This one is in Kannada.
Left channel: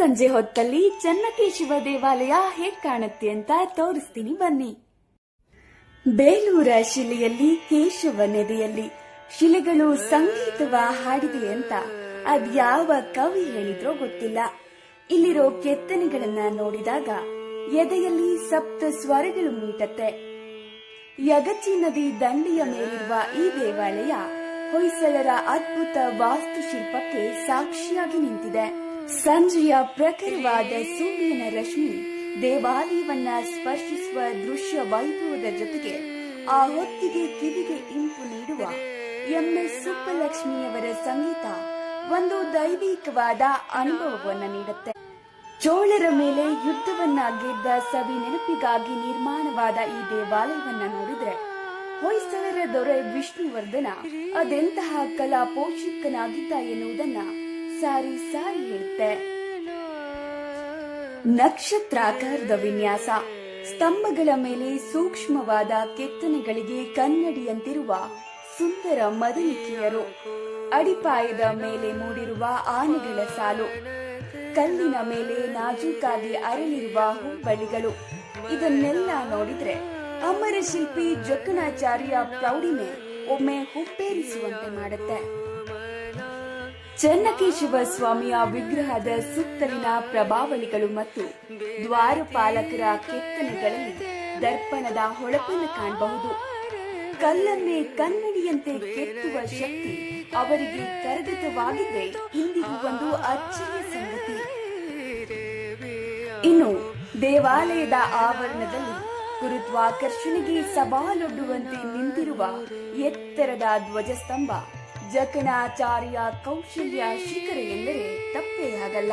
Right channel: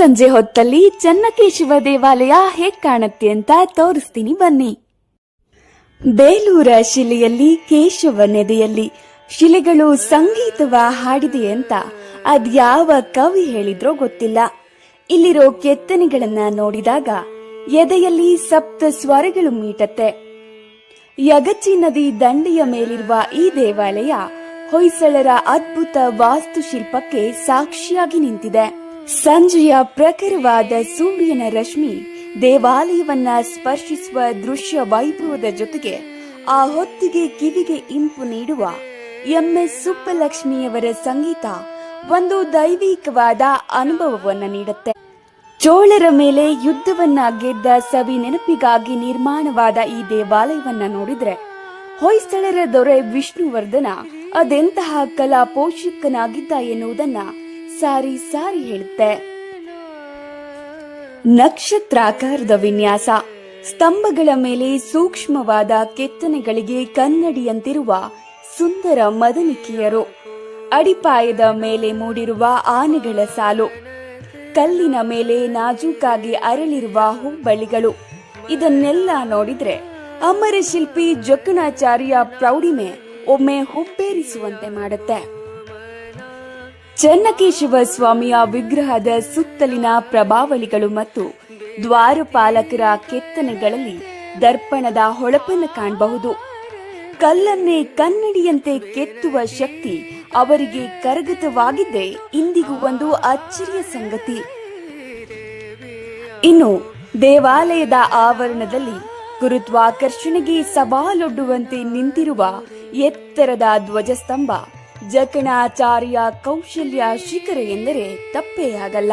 ಸಂಜೆ ಹೊತ್ತಲ್ಲಿ ಚೆನ್ನಕೇಶವ ದೇವಾಲಯ ಹೇಗ್ ಕಾಣುತ್ತೆ ಅಂತ ತೋರಿಸ್ತೀನಿ ಬನ್ನಿ. ಬೇಲೂರ ಶಿಲೆಯಲ್ಲಿ ಕೇಶವ ನೆದೆಯಲ್ಲಿ ಶಿಲೆಗಳು ಸಂಗೀತವ ಹಾಡಿದೆ ಅಂತ ಅದ್ಯಾವ ಕವಿ ಹೇಳಿದ್ರೋ ಗೊತ್ತಿಲ್ಲ. ಇಲ್ಲಿರೋ ಕೆತ್ತನೆಗಳನ್ನ ನೋಡಿದಾಗ ಎದೆಯಲ್ಲಿ ಸಪ್ತ ಸ್ವರಗಳು ಮೀಟತ್ತೆ. ಯಗಚಿ ನದಿ ದಂಡೆಯ ಮೇಲಿರುವ ಈ ದೇವಾಲಯ ಹೊಯ್ಸಳರ ಅದ್ಭುತ ವಾಸ್ತುಶಿಲ್ಪಕ್ಕೆ ಸಾಕ್ಷಿಯಾಗಿ ನಿಂತಿದೆ. ಸಂಜೆಯ ಪ್ರಖರವಾದ ಸೂರ್ಯನ ರಶ್ಮಿ ದೇವಾಲಯವನ್ನ ಸ್ಪರ್ಶಿಸುವ ದೃಶ್ಯ ವೈಭವದ ಜೊತೆಗೆ ಆ ಹೊತ್ತಿಗೆ ಕಿವಿಗೆ ಇಂಪು ನೀಡುವ MS ಸುಬ್ಬಲಕ್ಷ್ಮಿಯವರ ಸಂಗೀತ ಒಂದು ದೈವಿಕವಾದ ಅನುಭವವನ್ನ ನೀಡುತ್ತೆ. ಚೋಳರ ಮೇಲೆ ಯುದ್ಧವನ್ನ ಗೆದ್ದ ಸವಿ ನೆನಪಿಗಾಗಿ ನಿರ್ಮಾಣವಾದ ಈ ದೇವಾಲಯವನ್ನ ನೋಡಿದ್ರೆ ಹೊಯ್ಸಳರ ದೊರೆ ವಿಷ್ಣುವರ್ಧನ ಅದೆಂತಹ ಕಲಾ ಪೋಷಕನಾಗಿದ್ದ ಎನ್ನುವುದನ್ನ ಸಾರಿ ಸಾರಿ ಹೇಳುತ್ತೆ. ನಕ್ಷತ್ರಾಕಾರದ ವಿನ್ಯಾಸ, ಸ್ತಂಭಗಳ ಮೇಲೆ ಸೂಕ್ಷ್ಮವಾದ ಕೆತ್ತನೆಗಳಿಗೆ ಕನ್ನಡಿಯಂತಿರುವ ಸುಂದರ ಮದನಿಕೆಯರು, ಅಡಿಪಾಯದ ಮೇಲೆ ಮೂಡಿರುವ ಆನೆಗಳ ಸಾಲು, ಕಲ್ಲಿನ ಮೇಲೆ ನಾಜೂಕಾಗಿ ಅರಳಿರುವ ಹುಬ್ಬಳ್ಳಿಗಳು, ಇದನ್ನೆಲ್ಲ ನೋಡಿದ್ರೆ ಅಮರ ಶಿಲ್ಪಿ ಜಕ್ಕಣಾಚಾರ್ಯ ಪ್ರೌಢಿಮೆ ಒಮ್ಮೆ ಹುಬ್ಬೇರಿಸುವಂತೆ ಮಾಡುತ್ತೆ. ಚೆನ್ನಕೇಶವ ಸ್ವಾಮಿಯ ವಿಗ್ರಹದ ಸುತ್ತಲಿನ ಪ್ರಭಾವಳಿಗಳು ಮತ್ತು ದ್ವಾರಪಾಲಕರ ಕೆತ್ತನೆಗಳಲ್ಲಿ ದರ್ಪಣದ ಹೊಳಪನ್ನು ಕಾಣಬಹುದು. ಕಲ್ಲನ್ನೇ ಕನ್ನಡಿಯಂತೆ ಕೆತ್ತುವ ಶಕ್ತಿ ಅವರಿಗೆ ಕರಗತವಾಗಿದ್ದೇ ಇಂದಿಗೂ ಒಂದು ಅಚ್ಚರಿಯ ಸಂಗತಿ. ಇನ್ನು ದೇವಾಲಯದ ಆವರಣದಲ್ಲಿ ಗುರುತ್ವಾಕರ್ಷಣೆಗೆ ಸವಾಲೊಡ್ಡುವಂತೆ ನಿಂತಿರುವ ಎತ್ತರದ ಧ್ವಜಸ್ತಂಭ ಜಕ್ಕಣಾಚಾರ್ಯ ಕೌಶಲ್ಯ ಶಿಖರ ಎಂದರೆ ತಪ್ಪೇ ಆಗಲ್ಲ.